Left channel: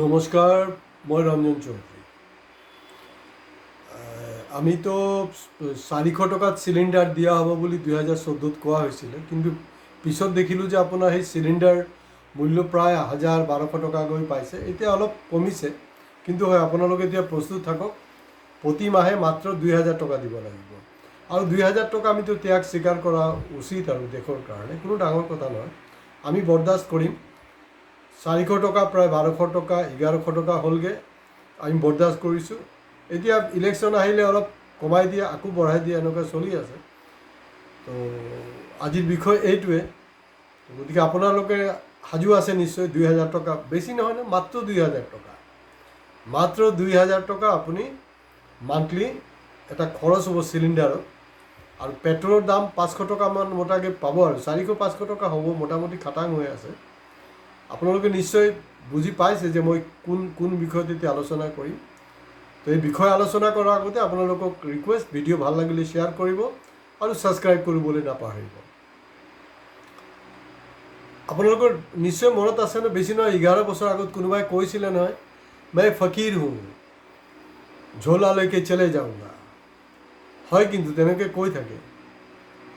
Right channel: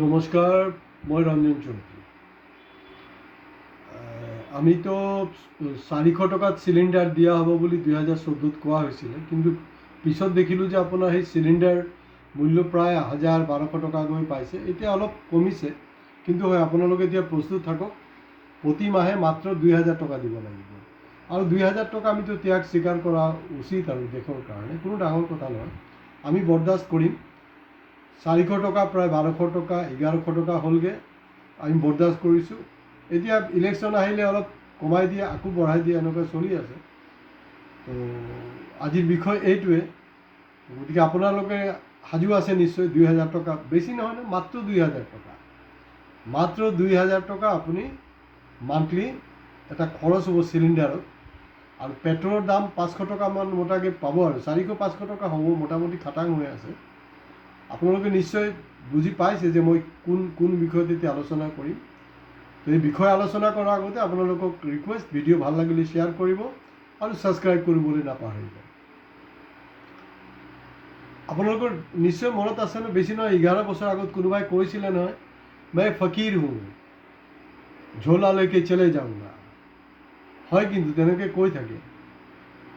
নমস্কাৰ, মই ৰঞ্জন চৌধুৰী। আমি তো 400 টকাত চিলিণ্ডাৰ দিয়া হ'ব বুলি 2014ত কোৱা হৈছিলে, কিন্তু পিছত দেখিলোঁ যে আপোনাৰ সেই চিলিণ্ডাৰ মূল্য প্ৰায় 1000-1200 টকাকৈ পাইছে। এতিয়া অলপ কমিছে, কিন্তু হয় আপোনালোকে এতিয়া প্ৰস্তুত থাকক। প্ৰতি মাহে মাত্ৰ 2000 টকা দিব লাগিব, আৰু 2000 টকা আমিতো ত্যাগ স্বীকাৰ কৰা উচিত, আৰু দেশৰ কাৰণে কোনো ডাঙৰ কথা নহয়। আমি বৰদাস্ত কৰিম। 400 টকা প্ৰায় 1200 টকা 1100 টকা হ'লগৈ, আমি বৰদাস্ত কৰিছোঁ। এতিয়া ইলেকশ্যন আহিলে অলপ কমাই দিয়ে, আকৌ বঢ়াই দিয়ে, এনেকুৱা চলি আছে। তো আজিৰ বিষয় এইটোৱে। গতিকে আপোনালোকে সাজু আছে নিশ্চয়। 2000 টকা বেছি নহয় ন, মাত্ৰ 2000 টকা, মাত্ৰ 2000 টকা আপুনি মান্থলি এটা খৰচ হ'ব চিলিণ্ডাৰত। আৰু পেট্ৰলৰ দাম 500 টকামান মোটাকৈ পাব, আৰু 400-500 টকা হ'ব, মোটামুটি খাটাং হৈ আছে। আপোনালোকে নিশ্চয় বুজি পাইছে যে মই কোন বিষয়ত এতিয়া আলোচনা কৰিম। তো এই বিষয় আলোচনা কৰাৰ আগতে আপোনালোকক ৰিকুৱেষ্ট, ভিডিঅ' ভাল লাগিলে শ্বেয়াৰ কৰিব আৰু ছাবস্ক্ৰাইব কৰিবলৈ নাপাহৰিব। আপোনালোকৰ নিশ্চয় মনত আছে ন, বেছি নহয় 11 বছৰ আগত কোনোবাই কৈছিলে নহয়, মই ফকীৰ হওঁ, ঝোলালৈকে চলে যাওঁগা। হয়, কিন্তু তেনেকৈ কৈ থাকে।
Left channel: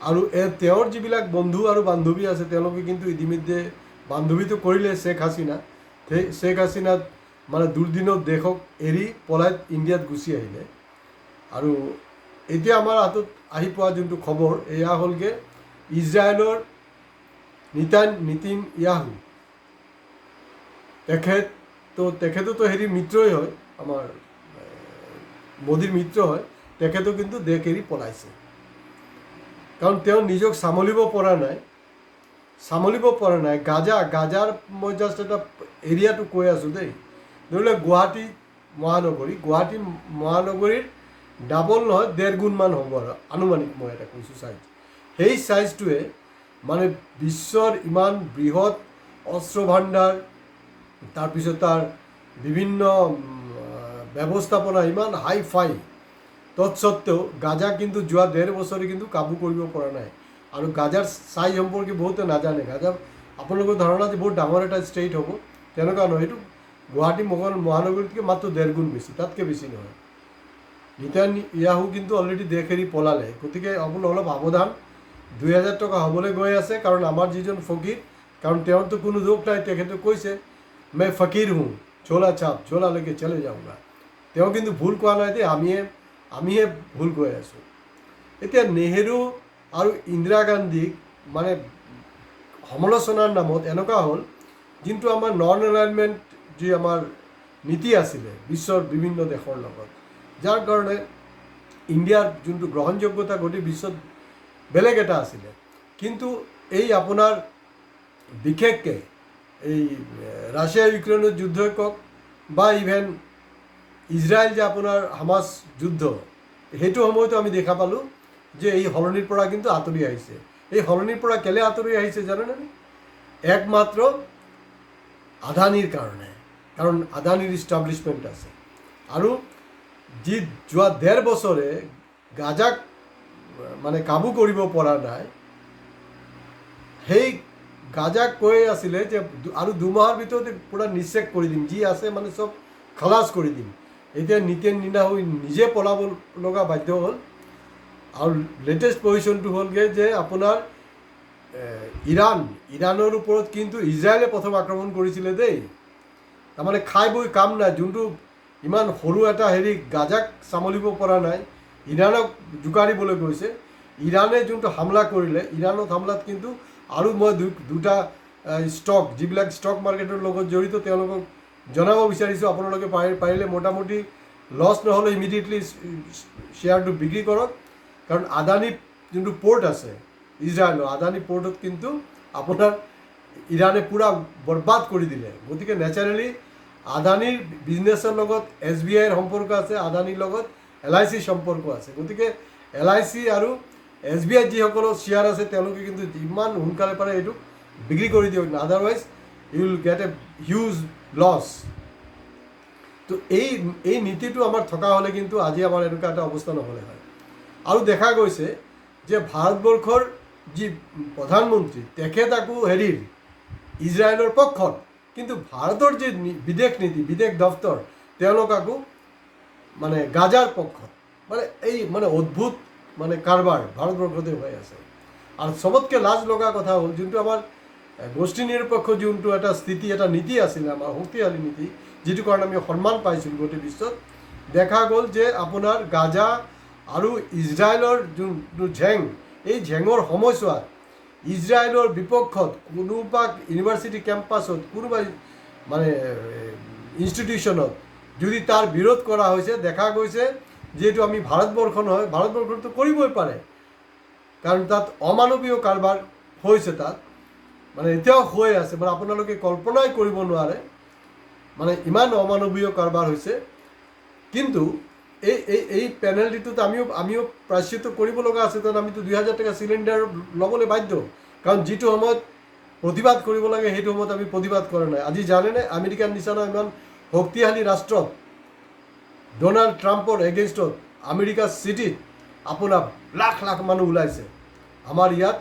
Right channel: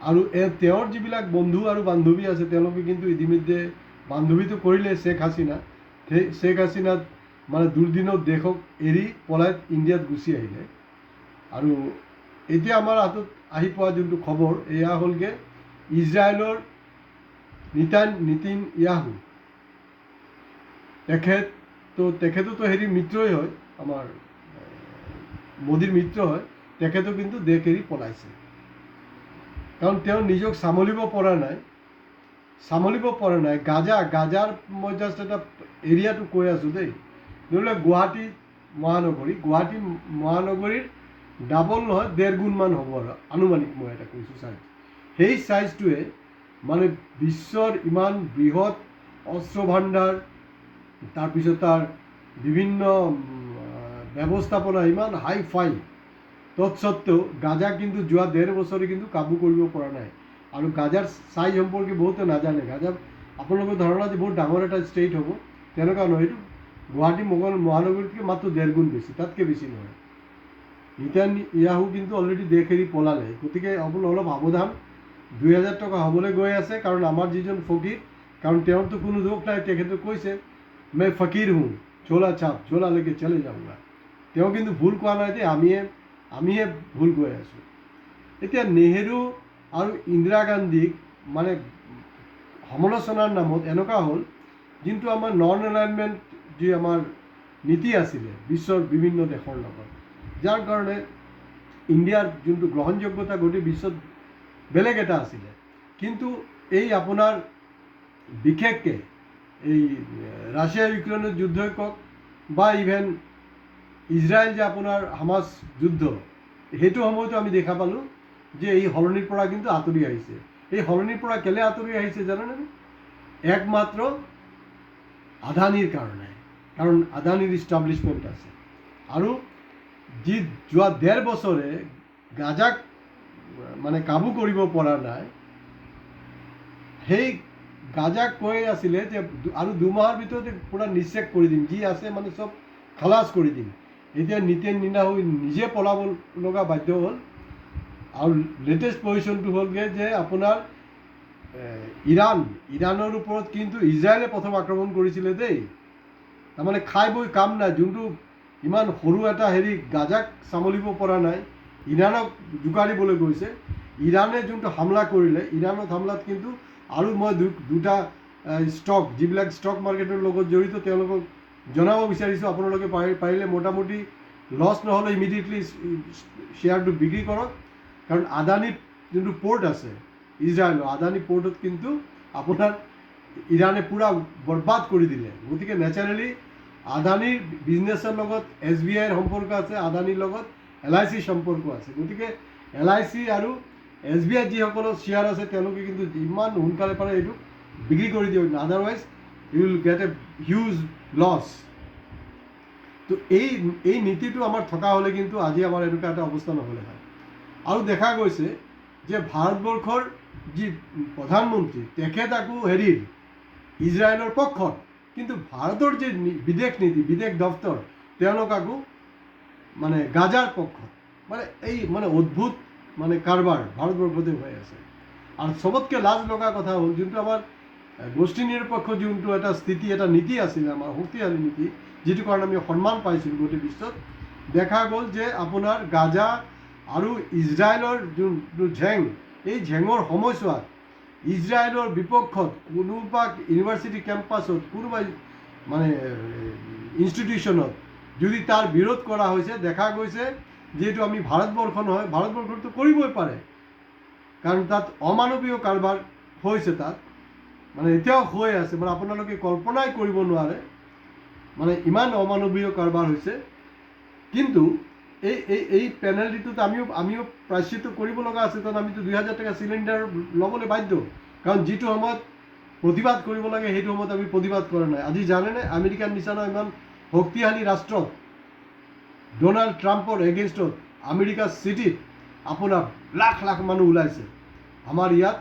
আৰু তেওঁৰ যিবিলাক বন্ধু আৰু বান্ধৱী আছে, তেওঁলোকে কিন্তু ইতিমধ্যে বান্ধৱীটো কৰিলে শ্বেখ হাছিনা। সেই শ্বেখ হাছিনা মানে দুৰ্দিনত দেশক এৰি পলাই ইণ্ডিয়াত গুচি আহিলে। আৰু এতিয়া আমাৰ হাতত আহি পোৱা যোনটো খবৰ, এয়া হ'লগৈ ইজৰাইলৰ নেতান্যাহু। তেখেততো মিত্ৰই হয়, আমাৰ মোদীৰ মিত্ৰ হয়। তেখেতো কিন্তু দেশ এৰি পলাইছে, কাৰণ তেওঁ নিজক চম্ভালিব পৰা নাই। গাজাৰ মই জাষ্ট এটা এৰিয়াটো কৈ আছোঁ দেই। ধৰি লওক গুৱাহাটী মহানগৰীৰ ডাবল নহয়, 1.5 গুণমান হ'ব, আৰু আনুমানিক মই এটা কৈছোঁ চাইজ। সেই চাইজটোৱে মানে বিশ্বৰ ইমান বৃহৎ অস্ত্ৰ ভাণ্ডাৰ, তাৰপিছত তাৰ বিভিন্ন ব্যৱস্থাপনা ইমান হাই ফাই, তৎসত্ত্বেও গাজা কিন্তু যোৱা 1.5 বছৰে কিন্তু কাবু কৰিব পৰা নাই। আৰু গাজাৰ চাইজ সম্পৰ্কে বহুতে নাজানে। গাজা আপোনালোকৰ ধাৰণা যে বহুত ডাঙৰ এটা ষ্টেট হ'ব, তেনেকুৱা নহয়। এইটো গুৱাহাটী মহানগৰীতকৈ মাত্ৰ 1.5 গুণ বেছি, তাতকৈ বেছি নহয়। নেতান্যাহু কিন্তু অলৰেডি দেশ এৰি পলালে। গতিকে আপোনালোক অলপ সাৱধান। 2000 টকা হ'বলৈ গৈ আছে, কাৰণ আমাৰ যিজন ফকীৰ, কাৰণ তেওঁৰতো কোনো দোষ নাই। তেখেতে কৈছে মই ফকীৰ হওঁ, ঝোলালৈকে চলে যাওঁগা। তেওঁ কিন্তু ভুল কোৱা নাই দেই, আমিহে ভুল কৈ আছোঁ। এতিয়া নেহেৰু আৰু ইন্দিৰা গান্ধীক মানে সমালোচনাৰ নামত এনেকুৱা হ'ল, যোনটো আমাৰ নন এলাইনমেণ্ট যি আমাৰ নীতি আছিলে বিশ্বৰ বিভিন্ন দেশৰ লগত, যাৰ কাৰণে ইণ্ডিয়াৰ যোনটো গ্ৰহণযোগ্যতা গোটেই বিশ্বত বেলেগ এটা আছিলে। কিন্তু এই আপোনাৰ বিশেষকৈ এই ৰাছিয়া ইউক্ৰেইনৰ যুদ্ধই কওক, বা ইভেন ইজৰাইল যে আপোনাৰ হামাছ যুদ্ধ, সেইটো সময়তো আমি দেখা পালোঁ যে এই সলনিৰ পৰা কিন্তু আঁতৰি আহিছে। এই সলনিৰ পৰা কেলৈ আঁতৰি আহিছে জানেনে? একমাত্ৰ আদানীৰ কাৰণে, কাৰণ আদানীৰ ইষ্টাব্লিছমেণ্ট আছে। আৰু যি যোৱা 1.5 বছৰে গাজাক মানে কাবু কৰিব পৰা নাই, সেই গাজাক কৈ আছিলে যে আৰু 2 মাহৰ ভিতৰতে পূৰা নিশ্চেক কৰি দিম, যি আছে মানে চব খালাচ কৰি দিম। এতিয়া নেতান্যাহু নিজে পলাব লগা বাধ্য হ'ল। আৰু লেটেষ্ট পজিশ্যনটো হ'লগৈ যে আপোনাৰ ইৰাণৰ ওপৰত কিন্তু ইজৰাইলে প্ৰথম আক্ৰমণ কৰিছিলে দেই। তাৰমানে খাই বৈ কাম নাই, যোনটো ইমান সৰু এটা গাজাক চম্ভালিব পৰা নাই, ইৰাণক জোকাৰিবলৈ গৈছে। ইৰাণে যোনটো হামলা কৰিলে, ইৰাণত হামলাত কিন্তু আৰু মই দুটা ষ্টক, যিবিলাক ষ্টক মাৰ্কেটৰ লগত জড়িত, তেওঁলোকক জনাব বিচাৰিছোঁ, আপোনালোকে পাৰিলে মোটামুটি লছ নহ'লে ইমিডিয়েটলি শ্বেয়াৰটো বিক্ৰী কৰক। কাৰণ আদানী যোনটো পৰ্ট আছে ইজৰাইলৰ, আদানী পৰ্টত কিন্তু আপোনাৰ ইৰাণে পূৰা বৰবাদ কৰি দিলে। গতিকে নেচাৰেলি আদানীৰ বিজনেছৰ লগত SBIৰ সম্পৰ্ক আছে, আদানীৰ লগত LIC সম্পৰ্ক আছে। গতিকে LIC আৰু SBI যিসকলৰ শ্বেয়াৰ আছে, তেওঁলোকে কিন্তু ইমান সোনকালে পাৰে এইটো বিক্ৰী কৰি দিয়ক, otherwise you will get a huge loss. তো এই নীতিটো আমাৰ থকা হ'লে কিন্তু আজি আমাৰ এনেকুৱা এটা অৱস্থা নহ'লে হয়। আৰু দেখা গৈছে যে ভাৰতবৰ্ষৰ যি প্ৰধানমন্ত্ৰী, তেখেত আকৌ ইজৰাইলৰ পক্ষত, কিন্তু ভাৰতৰ যে বিদেশ নীতি বিদেশ দপ্তৰ তেওঁলোক আকৌ মানে গাজাৰ পক্ষত মানে এই মানে অদ্ভুত মানে কাৰবাৰ ভাৰতবৰ্ষতে হৈ আছে আৰু চবতকৈ লাজ লগা কথা হ'ল যোনটো আমাৰ গোষ্ঠী নিৰপেক্ষ যোনটো এটা স্থিতি এটা নীতি আছিলে আমাৰ শক্তিশালী নীতি যিটো কাৰণে আমি সন্মান পাইছিলোঁ গোটেই বিশ্বত দেখা গ'ল যে আপোনাৰ গাজা আৰু ইজৰাইলৰ যোনটো ঝেং এই ঝেঙৰ সময়ছোৱাত ইজৰাইলৰ বিপক্ষত কোনোবা ইউনিভাৰ্চিটি কেম্পাছত কোনোবা মানে ইনষ্টিটিউশ্যনত যদি তাৰ বিৰোধ কৰা হৈছে দেখা গৈছে যিহেতু আমি ভাৰতবৰ্ষ নহয় ভাৰতবৰ্ষতো কৰিবই পাৰে কাৰণ তাত অমানৱীয় কাৰবাৰ হৈছে তাত মানে এতিয়াও হৈ আছে মানে আপোনালোকে কল্পনাই কৰিব নোৱাৰে মানে ইমান অমানৱীয় কাৰবাৰ হৈছে কিন্তু এই পেনাল্টিটোত আমিও প্ৰায়শ্চিত কৰিব লগা আছে কাৰণ আমিতো 2000 টকা চিলিণ্ডাৰ ল'বলৈ বাধ্য কাৰণ যিটো সময়ত প্ৰতিবাদ কৰিব লাগে সেইটো সময়ত আমি প্ৰতিবাদ কৰা নাই আজি জানেনে আমেৰিকাৰ নিচিনা ইমান শক্তিশালী ৰাষ্ট্ৰত ডোনাল্ড ট্ৰাম্পৰ এগেইনষ্টত আমেৰিকাৰ চিটিত আপোনাৰ লাখ লাখ মানুহ ওলাইছে আমাৰ ইয়াত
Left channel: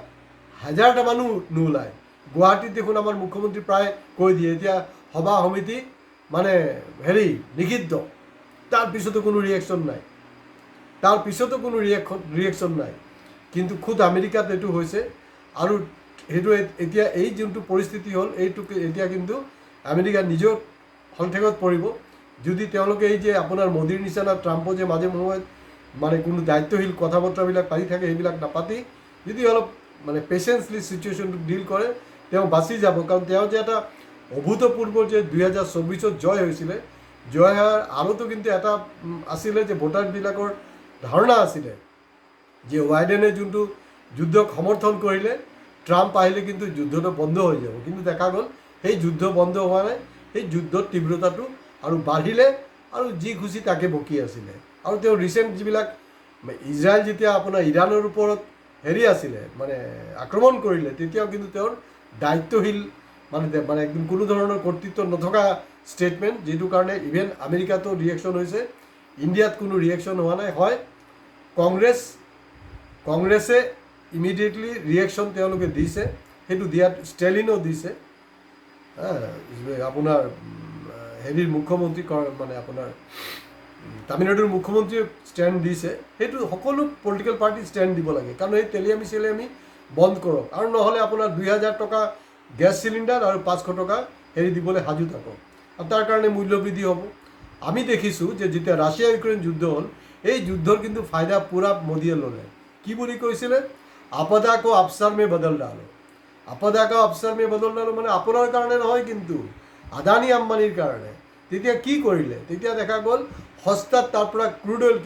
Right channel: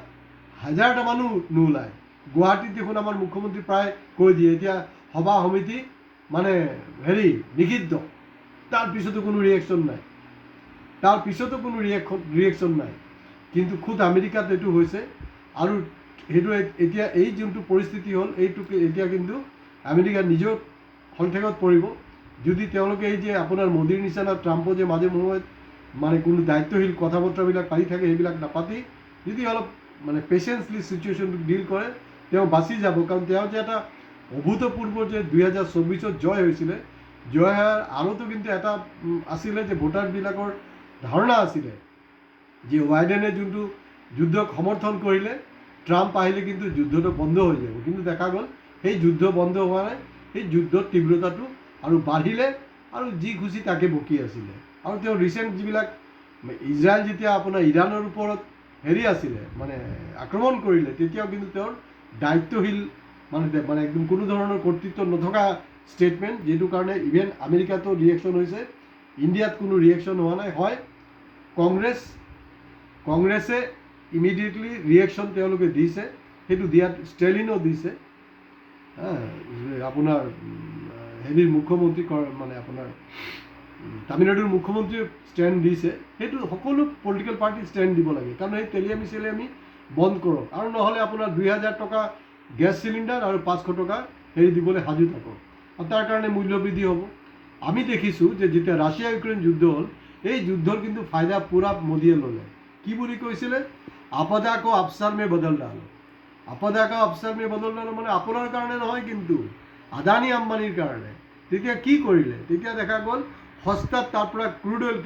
হাজাৰটা মানুহ নোলায় গুৱাহাটীত দেখোন আমাৰ মুখ্যমন্ত্ৰী প্ৰায় কৈ দিয়ে এতিয়া সভা সমিতি মানে নিষিদ্ধ তাৰপিছতো কোনো ৰিয়েকশ্যন নাই কিন্তু খুদ আমেৰিকাত এইটো হৈছে আৰু সেইটো এতিয়া এই যোনটো পৰিস্থিতি হ'ল এইটো এতিয়া কিন্তু আমেৰিকা নিজেও সন্দেহত পৰিব যদি তেওঁলোকে এই যে আপোনাৰ মোদীৰ নিচিনা ট্ৰাম্পো যে মাজে সময়ত মানে কোনো দায়িত্বশীল কথা বতৰাবিলাক পাতি থাকে সেইবিলাক নাপাতি যদি অলপ মানে পেচেঞ্চলি চিটুৱেশ্যনটো ডিল কৰে তেওঁ বাচি যাব কাৰণ তেওঁ যে এটা অভূতপূৰ্ব যে 2024 জয় হৈছিলে জয় হোৱাৰ আৰুতো কিন্তু এটা আছিলে যে ভোটাৰবিলাকৰ ধাৰণা আছিলে যে বাইডেনে যোনটো যুদ্ধক সমৰ্থন কৰিলে ট্ৰাম্প আহিলে কিন্তু যুদ্ধটো বন্ধ হৈ যাব কিন্তু দেখা গ'ল সেই যুদ্ধ বন্ধ হোৱা নাই সেই যুদ্ধৰ তীব্ৰতাটো আৰু বাঢ়িলে আৰু যি খুচি তাকে বকি আছিলে আৰু তেওঁ ৰিচেণ্ট যিবিলাক ইজৰাইল যেতিয়া আপোনাৰ ইৰাণৰ ওপৰত আছিলে মানে আক্ৰমণ কৰিলে তেতিয়াও কিন্তু তেওঁৰ দায়িত্বশীল মানে একদম কোনো ধৰণৰ কৰ্তৃত্ব নথকা ষ্টেটমেণ্ট যিটো কাৰণে ইভেন আমেৰিকাতো ৰিয়েকশ্যন হৈছে ইণ্ডিয়াত কোনো ৰিয়েকশ্যন হোৱা নাই হয় কংগ্ৰেছে ইমিডিয়েটলি ৰিয়েকশ্যন তেওঁলোকে দিছে সেইটো দিয়াত ষ্টেলিনো দিছে আপোনাৰ মুখ্যমন্ত্ৰী মানে আপোনাৰ তামিলনাডুৰ মুখ্যমন্ত্ৰীয়ে ষ্টেণ্ড দিছে সেইটো সকলো পলিটিকেল পাৰ্টি ষ্টেণ্ড দিব লাগে কাৰণ এই তেলিয়ামি বন্ধ কৰক আৰু নহ'লে আপোনাৰ 2000 টকা গেছ চিলিণ্ডাৰ আৰু 500 টকা দিবলৈ সাজু থাকক আৰু তাৰ কাৰণে মূল্যবৃদ্ধি হ'ব আমি দেখিছোঁ যে যেতিয়া ৰাছিয়া ইউক্ৰেইন যুদ্ধ হ'ল এই যুদ্ধৰ কিন্তু ফাইদা পূৰা মোদীয়ে ল'লে কি বুলি কৈছিলে আপদা কো আফসাৰ মে বদল ডালো মানে আপোনাৰ কাৰণে নহয় কিন্তু আদানী আম্বানীৰ কাৰণে তেতিয়া কি কৰিলে তেতিয়া দেখা গ'ল সস্তাত তাৰ পৰা ক্ৰুড অইল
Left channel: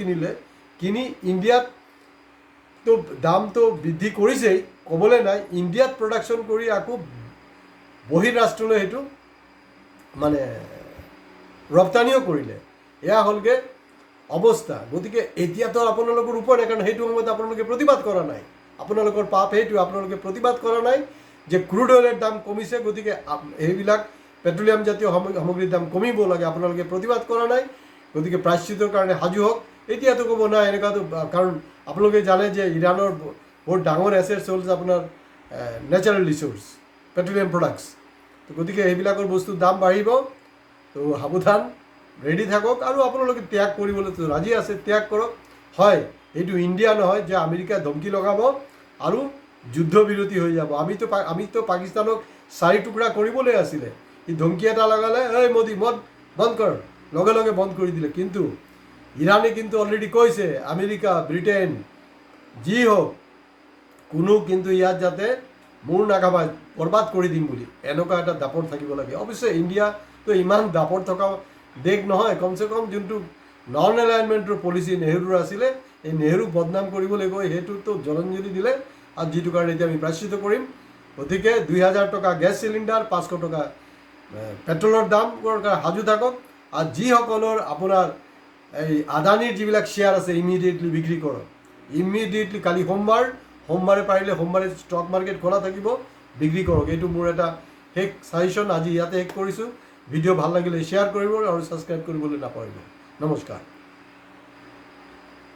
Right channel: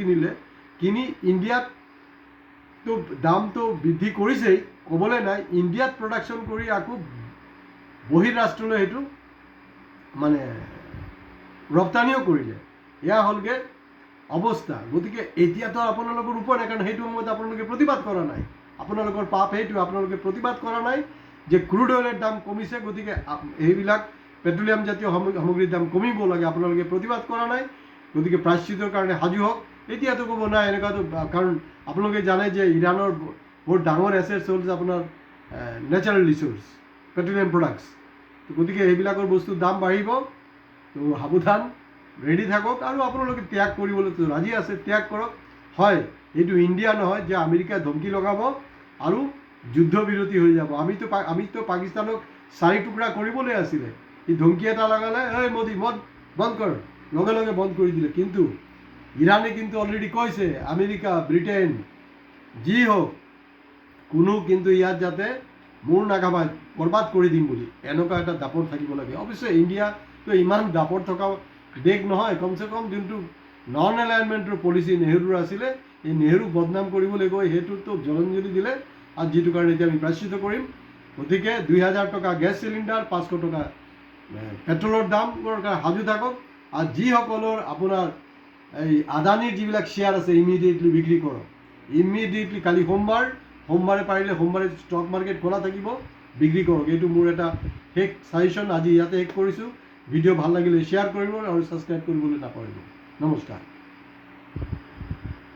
কিনি ইণ্ডিয়াততো দামটো বৃদ্ধি কৰিছেই ক'বলৈ নাই ইণ্ডিয়াত প্ৰডাকশ্যন কৰি আকৌ বহিৰাষ্ট্ৰলৈ সেইটো মানে ৰপ্তানিও কৰিলে এয়া হ'লগৈ অৱস্থা গতিকে এতিয়াতো আপোনালোকৰ উপায় নাই কাৰণ সেইটো সময়ত আপোনালোকে প্ৰতিবাদ কৰা নাই আপোনালোকৰ পাপ সেইটোৱে আপোনালোকে প্ৰতিবাদ কৰা নাই যে ক্ৰুড অইলৰ দাম কমিছে গতিকে সেইবিলাক পেট্ৰলিয়াম জাতীয় সামগ্ৰীৰ দাম কমিব লাগে আপোনালোকে প্ৰতিবাদ কৰা নাই গতিকে প্ৰায়শ্চিত্তৰ কাৰণে সাজু হওক এতিয়াতো ক'ব নাই এনেকুৱাতো কাৰণ আপোনালোকে জানে যে ইৰাণৰ বহুত ডাঙৰ এছেটছ হ'ল আপোনাৰ নেচাৰেল ৰিচোৰ্চ পেট্ৰলিয়াম প্ৰডাক্টছ গতিকে সেইবিলাকৰ বস্তুৰ দাম বাঢ়িব তো সাৱধান ৰেডি থাকক আৰু আপোনালোকে ত্যাগ কৰিবলৈ ৰাজি আছে ত্যাগ কৰক হয় এইটো ইণ্ডিয়া নহয় যে আমেৰিকাই ধমকি লগাব আৰু যুদ্ধবিৰতি হৈ যাব আমিতো পাকিস্তানক 4 টুকুৰা কৰিবলৈ আছিলে এই ধমকি এটা লগালে এই মোদী মদ বন্ধ কৰ লগে লগে বন্ধ কৰি দিলে কিন্তু ইৰাণে কিন্তু অলৰেডি কৈছে আমেৰিকা ব্ৰিটেইন যি হওক কোনো কিন্তু ইয়াত যাতে মূৰ নাগাবাই বৰবাদ কৰি দিম বুলি এনেকুৱা এটা দাপট থাকিব লাগে অৱশ্যে ইণ্ডিয়াটো ইমান দাপট থকা দেশ নহয় কমচে কম যোনটো নন এলাইনমেণ্টৰ পলিচি নেহৰুৰ আছিলে এই নেহৰুক বদনাম কৰিবলৈ গৈ সেইটোতো জলাঞ্জলি দিলে আৰু যিটো কাৰণে এতিয়া আমি প্ৰায়শ্চিত কৰিম গতিকে 2000 টকা গেছ চিলিণ্ডাৰ 500 টকা পেট্ৰলৰ দাম সাজু থাকক আৰু যিসকলৰ আপোনাৰ এই আদানীৰ যিবিলাক শ্বেয়াৰ আছে ইমিডিয়েটলি বিক্ৰী কৰক ইমিডিয়েটলি কালি সোমবাৰে পাৰিলে সোমবাৰে ষ্টক মাৰ্কেট খোলা থাকিব বিক্ৰী কৰক এইটো মোৰ এটা শেষ ছাজেশ্যন আজি ইয়াতে শেষ কৰিছোঁ ভিডিঅ' ভাল লাগিলে শ্বেয়াৰ কৰিব আৰু ছাবস্ক্ৰাইব কৰিবলৈ নাপাহৰিব নমস্কাৰ